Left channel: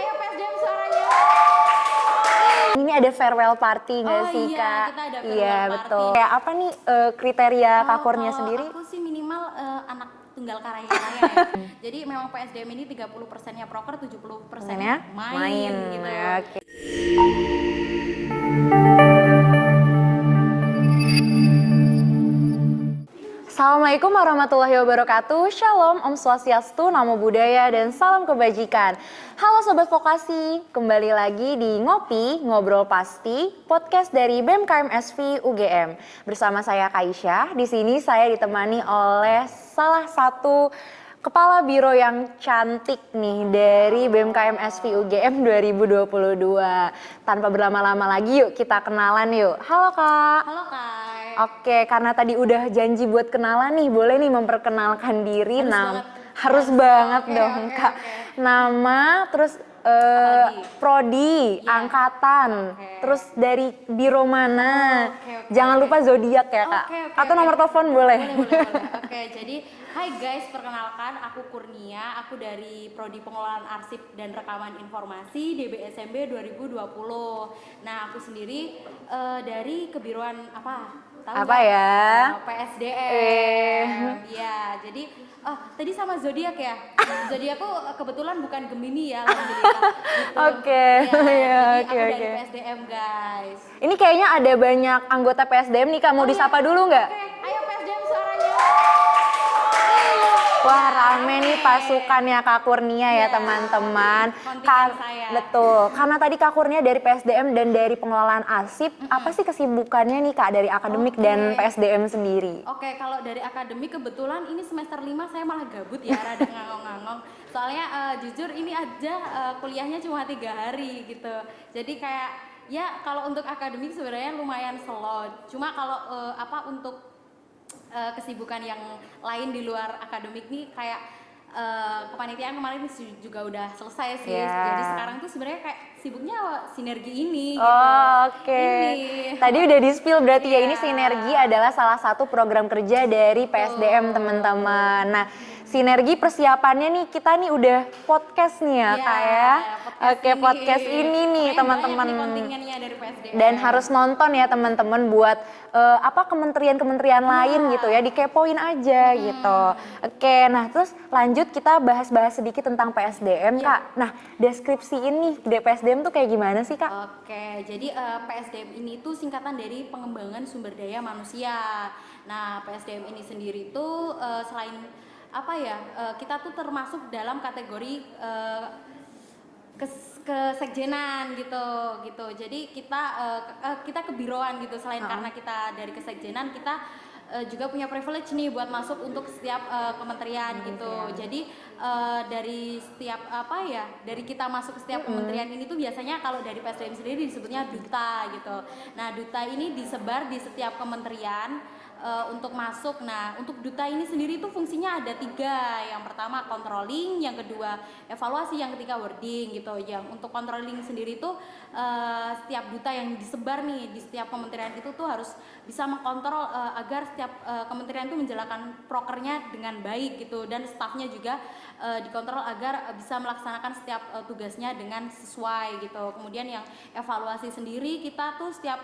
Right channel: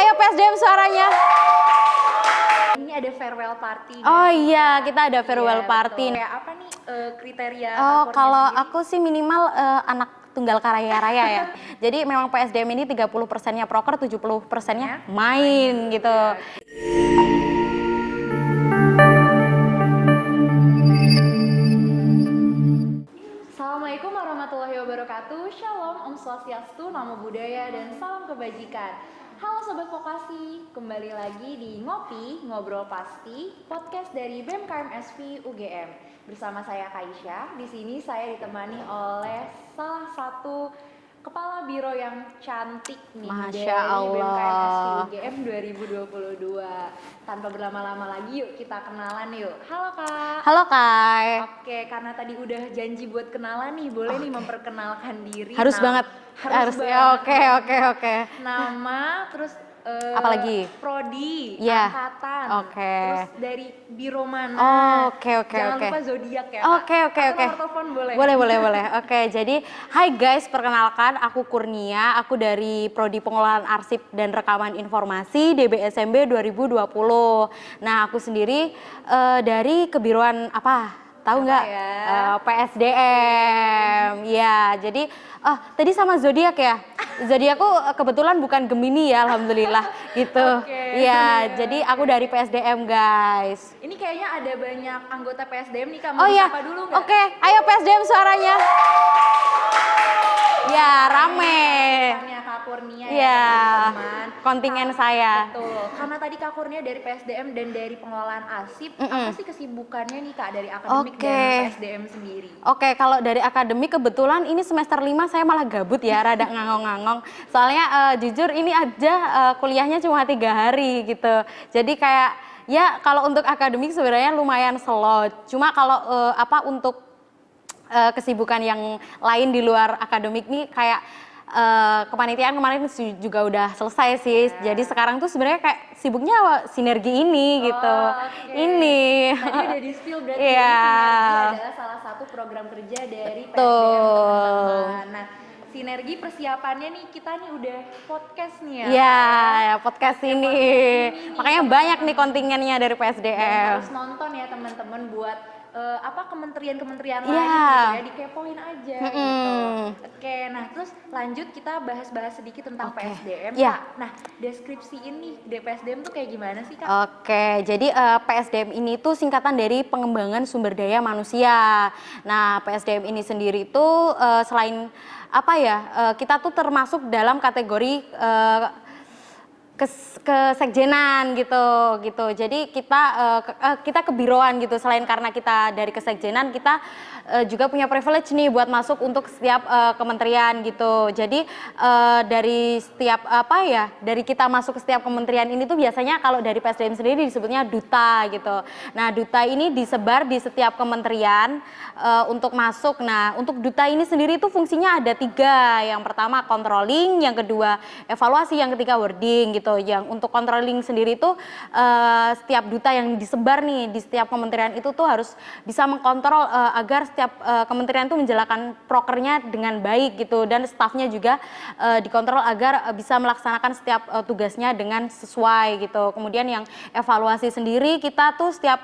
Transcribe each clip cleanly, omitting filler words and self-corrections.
Ayo PSDM suaranya. Ini ada farewell party nggak Oh sih, iya, Kak? kita ada farewell party. Betul. Kayak apa nih kriteria Oh, Kakurnia kalau sendiri? aku sih minimal anak tunggal kaya raya ya. Jadi memang PSDM ini 30%-nya proker, 70%-nya main gitu. Oke. Assalamualaikum warahmatullahi wabarakatuh. Shalom, Om Swastiastu, Namo Buddhaya, dan salam kebajikan. Halo Sobat Vokasi, kembali lagi di Ngopi, Ngobrol Pasti, podcast dari BEM KMSV UGM. Bersama saya Kaisyah, di sini saya ditemani oleh salah satu Kepala Biro yang cantik nih Masya dari Allah. BEM KMSV UGM 2022. Tanpa berlama-lama lagi yuk kita kenalan yuk. Halo Kak. Halo Kai. Oke, karena tadi udah janji buat kenalan nih, boleh nih memperkenalkan diri. Harus banget. Harus Harus, banget. oke, dong, oke, Kak. oke. Nama, terus Apalagi? prodi, Ya. angkatan, Oke. terus dari biro mana. Oke. Jangan lupa zodiak ya, Kak. Oke. Atau nomor telepon boleh. Boleh. Oke, jadi hai guys, perkenalkan aku Kurnia, aku dari Prodi Pengelolaan Arsip dan Rekaman Informasi DBSMB 2020. Nah, aku sendiri dari kebiruan apa? Tahu Apa nggak? ya? PSDM. Ya, jadi tadi sama zodiak ya. Zodiakku kebetulan bukan Gemini ya, alhamdulillah gitu. Oke. Iya, jadi Oke, aku dari oke. PSDM guys. Ini kayaknya ada banyak anggota PSDM nih, Kak. Mau iya. disapa dulu nggak? Oke, ayo PSDM suaranya. Wah, Ya, rame nih rame. pasukannya Kak Kurnia ya, Ya, teman-teman. kontingen saya. Betul. Karena tadi Kak Kurnia dari PSDM dan dari pengelolaan arsip, apa sih kesibukannya nih Kak dari akademik Oke. dan PSDM sendiri? Oke, kalau dari akademik kebetulan ini semester 5 saya malah gabut ya, rada ngangong-ngangong. Soalnya jujur ini aja kuliahnya cuma 3 hari gitu. Jadi kayak ya kalau untuk akademik sebenarnya lumayan slow. Cuma kalau untuk kesibukan yang lain di luar akademik nih kayak kepanitiaan kemarin juga udah selesai sih. Ya. Jadi sekarang tuh sebenarnya kayak sibuknya sinergi ini gitu. Oke. Ini. Tadi udah di-spill berarti ya, ini Iya. sinergi adalah salah satu program kerja dari PSDM, teman-teman. Nah, sinergi persiapannya nih, kita nih udah podcast nih ya, Iya, Kak ya. ya, podcast Oke, ini. podcast ini nih, Makanya teman-teman. banyak nih kontingennya dari PSDM. Dan harus nonton ya teman-teman buat kementerian-kementerian Iya. lain gitu ya, dikepoin aja gitu. Oke, nah terus lanjut kita bahas-bahas sedikit tentang PSDM, Iya. Kak. Nah, deskripsi ini PSDM tuh kayak gimana sih, Kak? Oke, jadi PSDM ini tuh singkatan dari pengembangan sumber daya manusia. Nah, PSDM ini sendiri tuh selain kita tuh termasuk dalam kategori kesekjenan gitu. Jadi kita kebiroan gitu. Selain karena kita dari kesekjenan, kita juga punya privilege nih buat masuk untuk setiap kementerian gitu. Jadi dari setiap dari kita masuk ke setiap kementerian ini tuh biasanya kalau dari PSDM sendiri disebutnya duta gitu. Nah, duta ini disebar di setiap kementerian untuk masuk. Nah, untuk duta ini sendiri tuh fungsinya ada 3. Yang pertama controlling, yang kedua evaluasi, yang ketiga wording gitu. Yang untuk controlling sendiri tuh setiap duta yang disebar nih di setiap kementerian itu tuh harus bisa mengkontrol agar setiap kementerian tuh menjalankan prokernya dengan baik gitu, dan stafnya juga dikontrol agar bisa melaksanakan setiap tugasnya dengan sesuai gitu. Kemudian yang evaluasi sendiri kita tuh setiap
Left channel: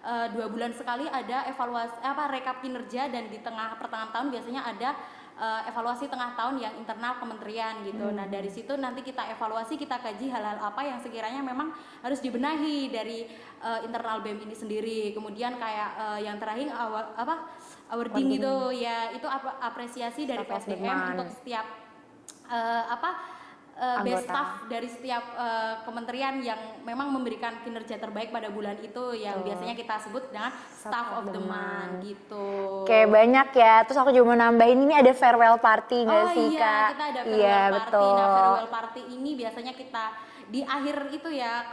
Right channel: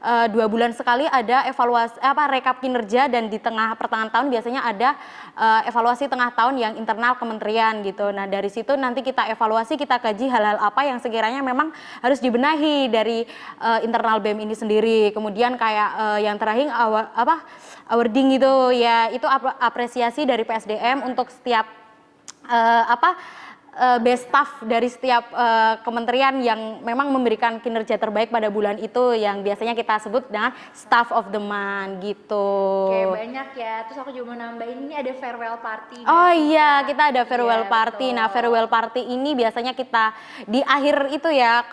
2 bulan sekali ada evaluasi rekap kinerja, dan di pertengahan tahun biasanya ada evaluasi tengah tahun yang internal kementerian gitu. Nah, dari situ nanti kita evaluasi, kita kaji hal-hal apa yang sekiranya memang harus dibenahi dari internal BEM ini sendiri. Kemudian kayak yang terakhir awarding gitu ya, itu apresiasi dari PSDM untuk setiap best staff dari setiap kementerian yang memang memberikan kinerja terbaik pada bulan itu, yang biasanya kita sebut dengan staff of the month gitu. Oke, banyak ya. Terus aku juga mau nambahin, ini ada farewell party nggak Oh sih, iya, Kak? kita ada farewell Iya, party. betul. Nah, farewell party ini biasanya kita di akhir itu ya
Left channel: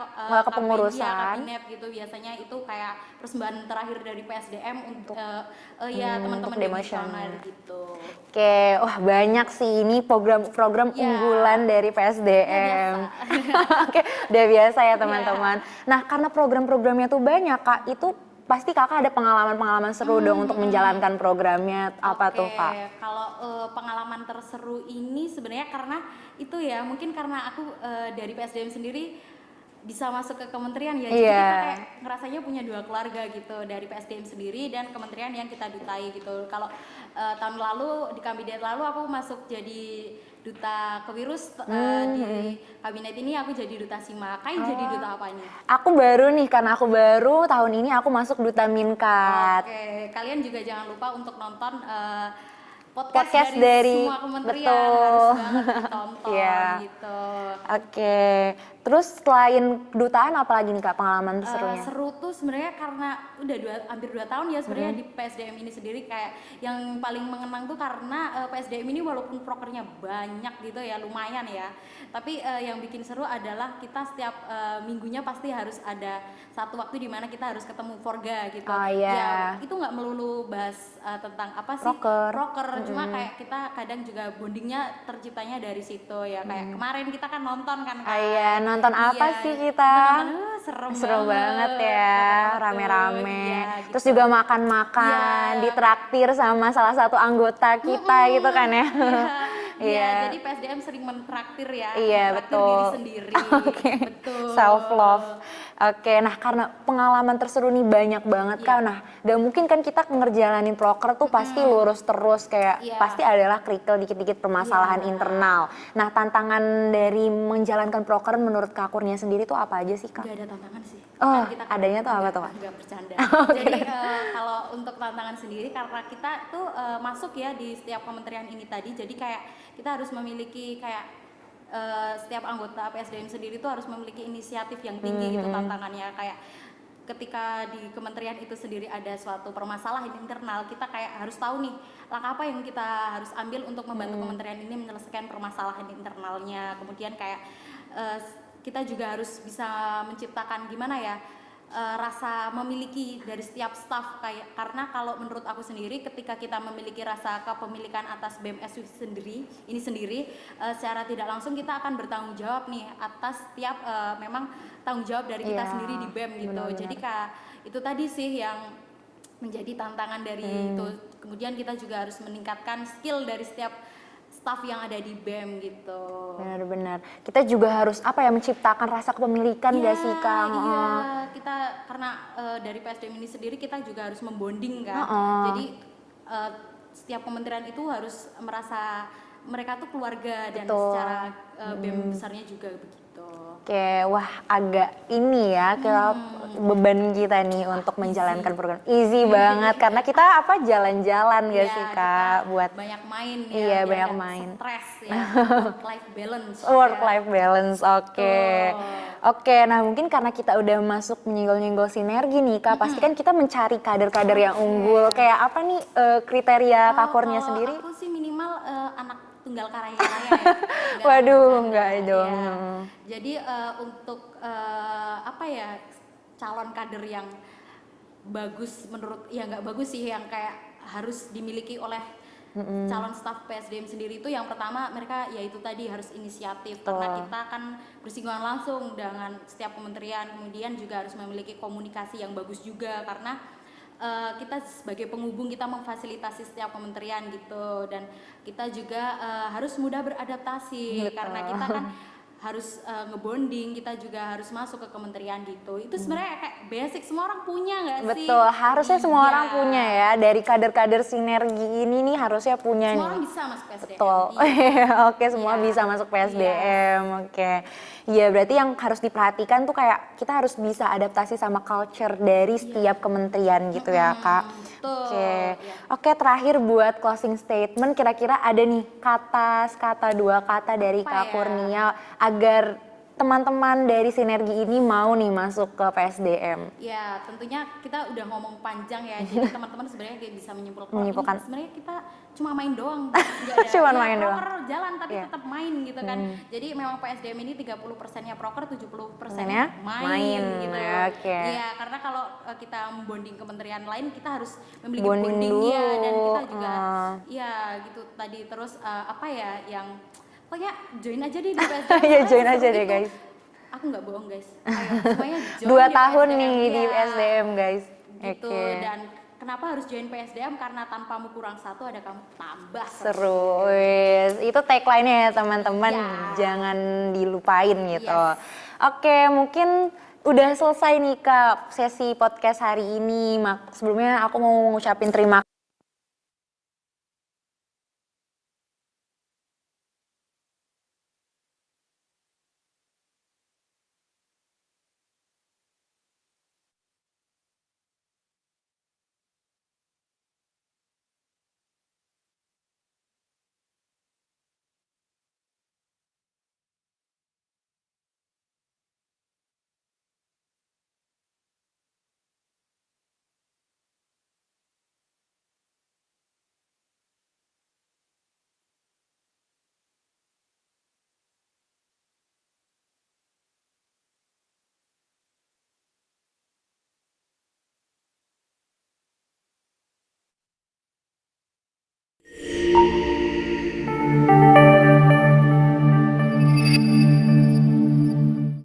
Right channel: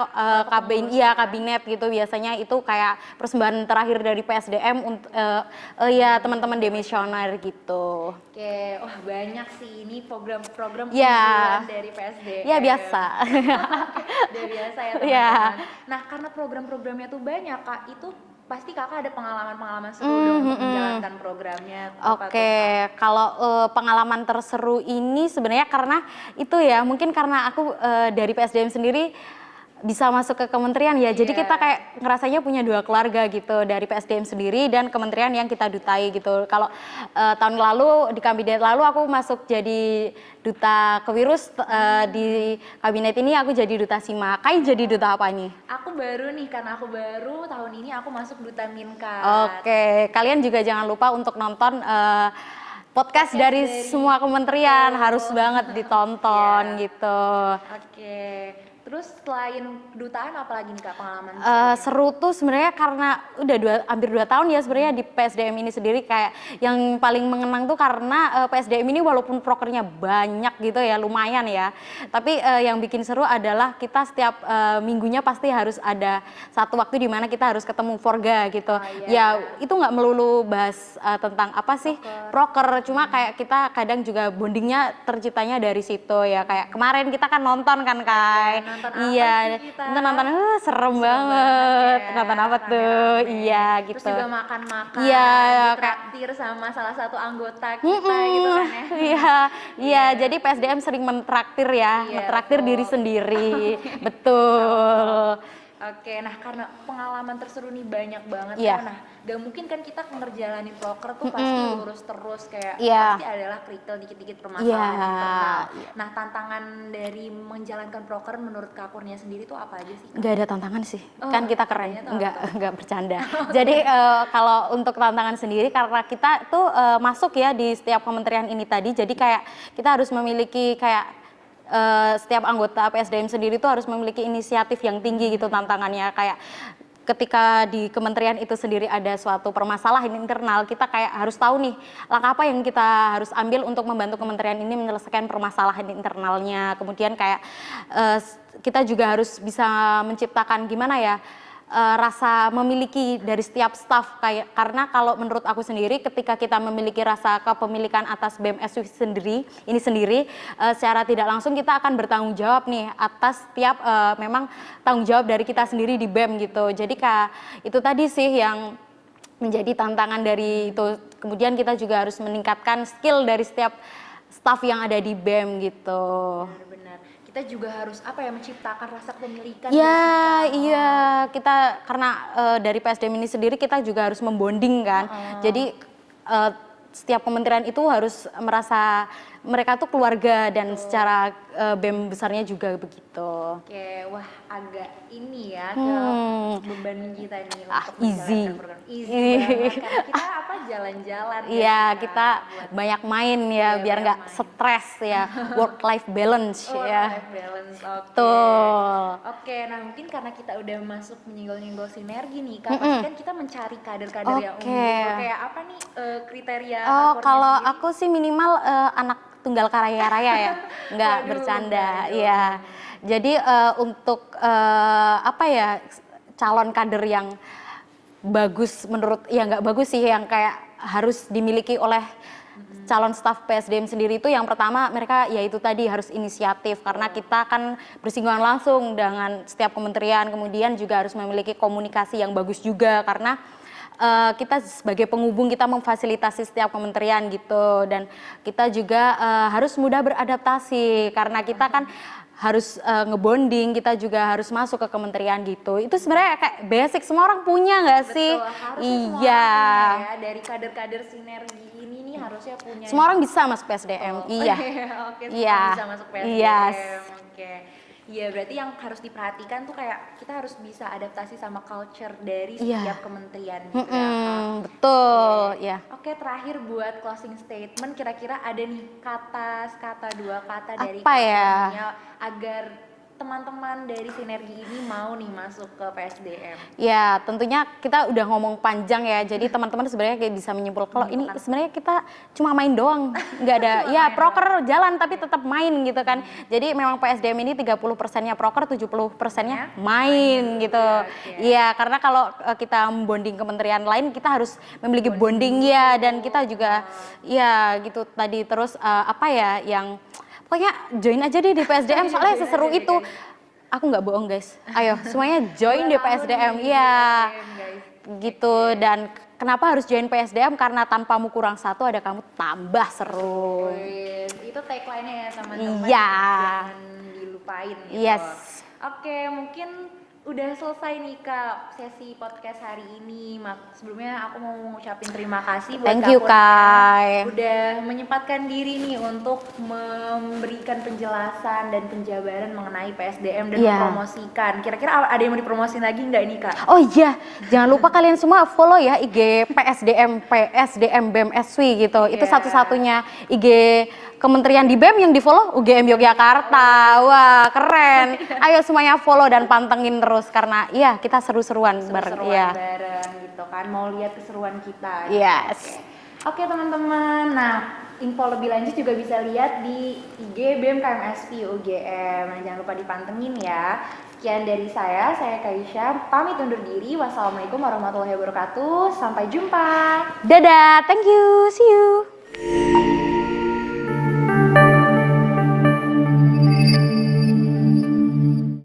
kepengurusan. kabinet gitu, biasanya itu kayak persembahan terakhir dari PSDM untuk teman-teman demisioner gitu. Oke, wah banyak sih ini program-program Ya. unggulan dari PSDM. Ya biasa. Oke, udah biasa ya teman-teman. Nah, karena program-programnya tuh banyak, Kak, itu pasti kakak ada pengalaman-pengalaman seru dong untuk menjalankan programnya, apa tuh Kak? Kalau pengalaman terseru ini sebenarnya karena itu ya, mungkin karena aku dari PSDM sendiri bisa masuk ke kementerian ya, jadi Iya. kita kayak ngerasanya punya dua keluarga gitu, dari PSDM sendiri dan kementerian yang kita dutai gitu. Kalau tahun lalu di kabinet lalu aku masuk jadi duta kewirus, di kabinet ini aku jadi duta SIMA. Kai jadi duta apa nih? Aku baru nih, karena aku baru tahun ini aku masuk Duta Minkat. Oke, kalian juga jangan lupa untuk nonton podcast dari semua kementerian, betul. harus banget ditonton Iya. gitu. Oke, terus selain kedutaan apalagi nih Kak pengalaman serunya? Seru tuh sebenarnya karena udah hampir 2 tahun ya sebenarnya di PSDM ini sendiri, kayak yang paling mengenang tuh karena PSDM ini walaupun prokernya banyak gitu ya, lumayan ya, tapi yang bikin seru adalah kita setiap minggunya pasti harus ada satu waktu di mana kita harus ketemu Forga gitu. Oh, iya. Ya itu nggak melulu bahas tentang apa sih proker, cuma kayak kita kadang juga bondingnya terciptanya dari situ ya, kayak kemarin kita kan nonton kan Iya, nonton apa sih kita? Nonton serem banget ya, nonton apa tuh? rame-rame. Iya gitu. Terus juga makan-makan, Iya, ditraktir sama salah satu anggota kita gitu kan ya. Iya, jadi PSDM sering mentraktir ya, Iya, mentraktir betul. diri sendiri. Betul. Self love. Oke, nah karena pengalaman terseru nih banyak banget Iya. Kak. Nah, dan mungkin kan kita ngerjalanin proker tuh pasti lurus terus kayak Iya. pasti adalah kerikil dikit-dikit permasalahan Iya. internal. Nah, tantangan dari menjalankan proker menurut Kak Kurnia sendiri tuh apa aja sih Kak? Gak ada tantangan sih, Oh, kan kita adanya tuh apa tuh? nggak bercanda. Jadi kalau untuk tantangan sendiri karena kita tuh masuk ya di setiap kementerian ini tadi, jadi kayak kita harus memiliki kayak setiap anggota PSDM sendiri tuh harus memiliki inisiatif yang tinggi gitu tantangannya, kayak ketika di kementerian itu sendiri ada suatu permasalahan internal, kita kayak harus tahu nih langkah apa yang kita harus ambil untuk membantu kementerian ini menyelesaikan permasalahan internalnya. Kemudian kayak kita juga harus bisa menciptakan gimana ya, rasa memiliki dari setiap staf, kayak karena kalau menurut aku sendiri ketika kita memiliki rasa kepemilikan atas BMS ini sendiri, secara tidak langsung kita akan bertanggung jawab nih atas setiap memang tanggung jawab dari kita sendiri di BEM gitu. Jadi Kak, itu tadi sih yang menjadi tantangan dari itu. Kemudian kita juga harus meningkatkan skill dari setiap staf yang ada di BEM gitu. Benar-benar. Kita juga harus apa ya, menciptakan rasa kepemilikan Ya, nggak sih Kak? iya, kita karena dari PSDM ini sendiri kita juga harus membonding kan. Jadi setiap kementerian itu harus merasa mereka tuh keluarga dan secara BEM besarnya juga begitu. Oke, wah agak ini ya ke beban kita nih untuk easy. menjalankan program. Easy banget karena kita apa jalan-jalan ya Iya, sih Kak, kita buat banyak main ya, Iya, biar banyak nggak main. stres ya, work life balance. work ya. life balance. Oke. Betul. Oke, nah mungkin karena kita udah masuk menyenggol-nyenggol sinergi nih Kak, pasti kan kita mencari kader-kader yang Oke. unggul. Kayak apa nih kriteria Kak Oh, Kurnia kalau sendiri? aku sih minimal anak tunggal kaya raya ya, nggak Waduh, bercanda. enggak dong. Iya. Jadi untuk apa ya, calon kader yang bagus menurut, ya nggak bagus sih, yang kayak harus dimiliki oleh calon staf PSDM sendiri itu yang pertama mereka yaitu tadi harus inisiatif, karena kita kan bersinggungan langsung dengan setiap kementerian, kemudian juga harus memiliki komunikasi yang bagus juga karena kita sebagai penghubung, kita memfasilitasi setiap kementerian gitu, dan kita juga harus mudah beradaptasi karena kita kan harus ngebonding, kita juga harus masuk ke kementerian gitu. Itu sebenarnya kayak basic, semua orang punya nggak sih? Betul, harusnya semua Iya. orang punya ya. Dari kader-kader sinergi ini nih harusnya punya Semua nih. orang bisa masuk PSDM. Betul. Iya. Oke, semua Iya. bisa masuk PSDM. Yes. Oke. Iya, berarti yang harus diperhatikan tuh kayak kita harus bisa adaptasi sama culture dari setiap kementerian gitu ya, Kak. Betul. Oke. Iya. Oke, terakhir buat closing statement, kira-kira ada nih dua kata dari Apa Kak ya? Kurnia agar teman-teman dari sinergi ini mau nih masuk ke PSDM. Ya, tentunya kita udah ngomong panjang ya, jadi teman-teman sebenarnya kayak bisa menyimpulkan kalau ini sebenarnya kita cuma main doang, nggak ada Cuma ya main proker jalan tapi tetap main gitu kan. Jadi memang PSDM ini 30%-nya proker, 70%-nya main gitu. Oke. Iya, karena kalau kita bonding kementerian lain kita harus memiliki Bonding bonding ya, dulu. dan kita juga ya gitu tadi, terus apa ya yang pokoknya join aja deh di PSDM Iya, soalnya join aja seseru deh, itu. guys. Aku nggak bohong guys. Ayo semuanya join 2 di tahun PSDM. nih di Iya. SDM guys. Gitu. Oke. Dan kenapa harus join PSDM? Karena tanpamu kurang satu ada kamu tambah seru. Wis, itu tagline-nya ya teman-teman, Iya. jangan dilupain gitu. Yes. Oke, mungkin udah selesai nih Kak sesi podcast hari ini. Sebelumnya aku mau ngucapin terima kasih buat Thank Kak you, Kurnia Kai. udah menyempatkan diri nih untuk memberikan penjelasan dan penjabaran mengenai PSDM dan Iya. mempromosikan. Kira-kira ada yang mau dipromosin lagi nggak nih Kak? Oh iya, jangan lupa kalian semua follow ya IG PSDM BEM SW gitu. Itu Iya. satu-satunya IG kementerian di BEM yang di follow UGM Yogyakarta. Wah, keren. Ayo semuanya follow dan pantengin terus karena iya kita seru-seruan bareng. Seru-seruan Iya. bareng gitu kan, mau lihat keseruan kita. Yes. Oke teman-teman, nah info lebih lanjut juga bisa lihat di IG BEM KMSP UGM. Nah, jangan lupa dipantengin ya. Sekian dari saya Kaisha, pamit undur diri. Wassalamualaikum warahmatullahi wabarakatuh. Sampai jumpa. Dadah, thank you, see you.